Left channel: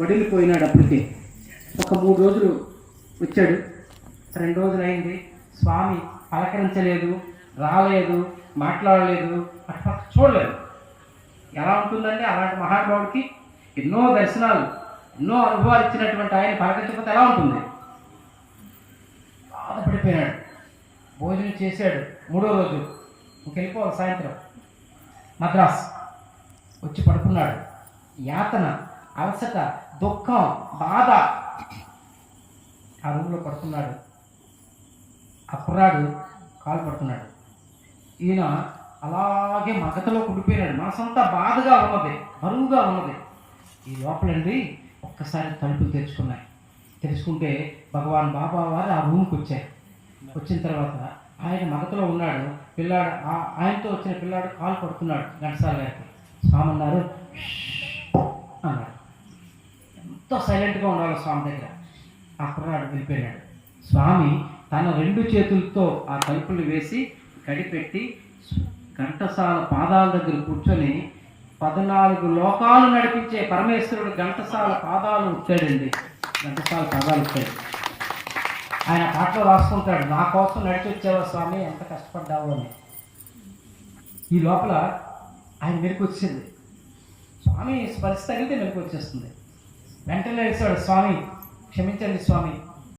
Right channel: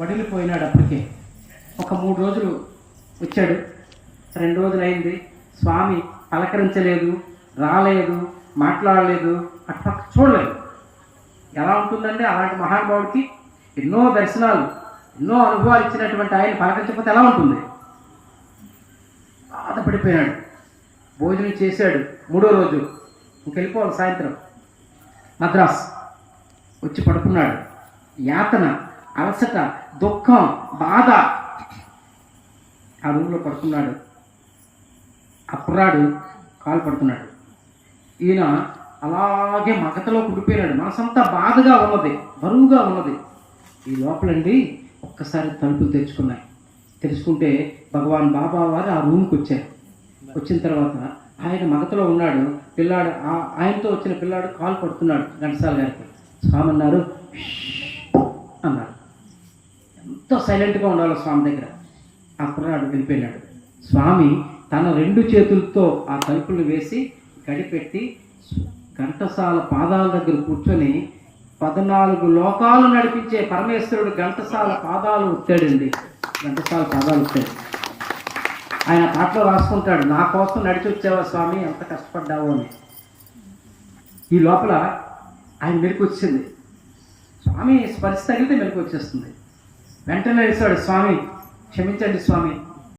వడిలిపోయినాడు. అప్పటికే ఒక 3 రోజులు వచ్చాడు, 2 రోజులు అయింది. స్వామి పలకరించలేదు, రాలేదు, మాట్లాడలేదు, అట్లా చూడలేదు. ఎలా ఉంటుందండి అలాంటి మహానుభావుడికి? ఎన్నో దర్శనాలు, ఎన్నో అనుభవాలు ఇచ్చినటువంటి ఆయన పలకరించకపోతే ఎలా ఉంటుంది? బాధపడిపోయినాడు. భోజనం చేశాడు 3వ రోజు, ఇంకెళ్ళిపోవాలి సాయంత్రం. మద్రాస్ వచ్చి పడుకున్నాడు. యాతన, అలసట, దుఃఖం, బాధ. ఆ రూమ్లో పడుకున్నాడు. ఆ కుర్రాడు కాలు పడుతున్నాడు. ఈయన అలాగే మగతలో కుడిపోయినాడు. మనసంతా బాధగా ఉన్నది, బరువుగా ఉన్నది. ఈ లోపలండి ఒక్కసారి తలుపులు తెరుచుకున్నాయి. తెలుసుకుంటే భగవాన్ బాబా వారు ఆ రూమ్కి వచ్చారు. వచ్చిన తర్వాత ఆయన మగతలో ఉన్నాడు. పిల్లాడు, ఆయనతో వచ్చిన పిల్లాడు కాలు పడుతున్నాడు. ఘంటసాల గారికి స్వామి అన్నారు, అన్నాడు. ఎంతో సైలెంట్గా ఉండాలి స్వామి దగ్గర. ఆ కుర్రాడు వెళ్ళిపోయినాడు. స్వామి తన 2 చేతులతో ఆ తలుపులు వేసి గడిపెట్టి ఘంటసాల పాదాల దగ్గర కూర్చొని 14 లోకాలు నడిపించే పరమేశ్వరుడు ఘంటసాల పాదాలు ఉట్టాడండి. ఘంటసాల పాదాలు ఉట్టాడు. ఆయన పాటలో రాసుకుంటాడు, నా కోసం నడిచి వచ్చావా స్వామి, ఎంత కష్టపడ్డావు అని. ఈ లోపల ఆయన మెలకు వచ్చింది. స్వామి స్పర్శ తగిలితే మెలకు వచ్చేస్తుంది. వెంటనే వేశాడు, స్వామి క్షమించండి స్వామి,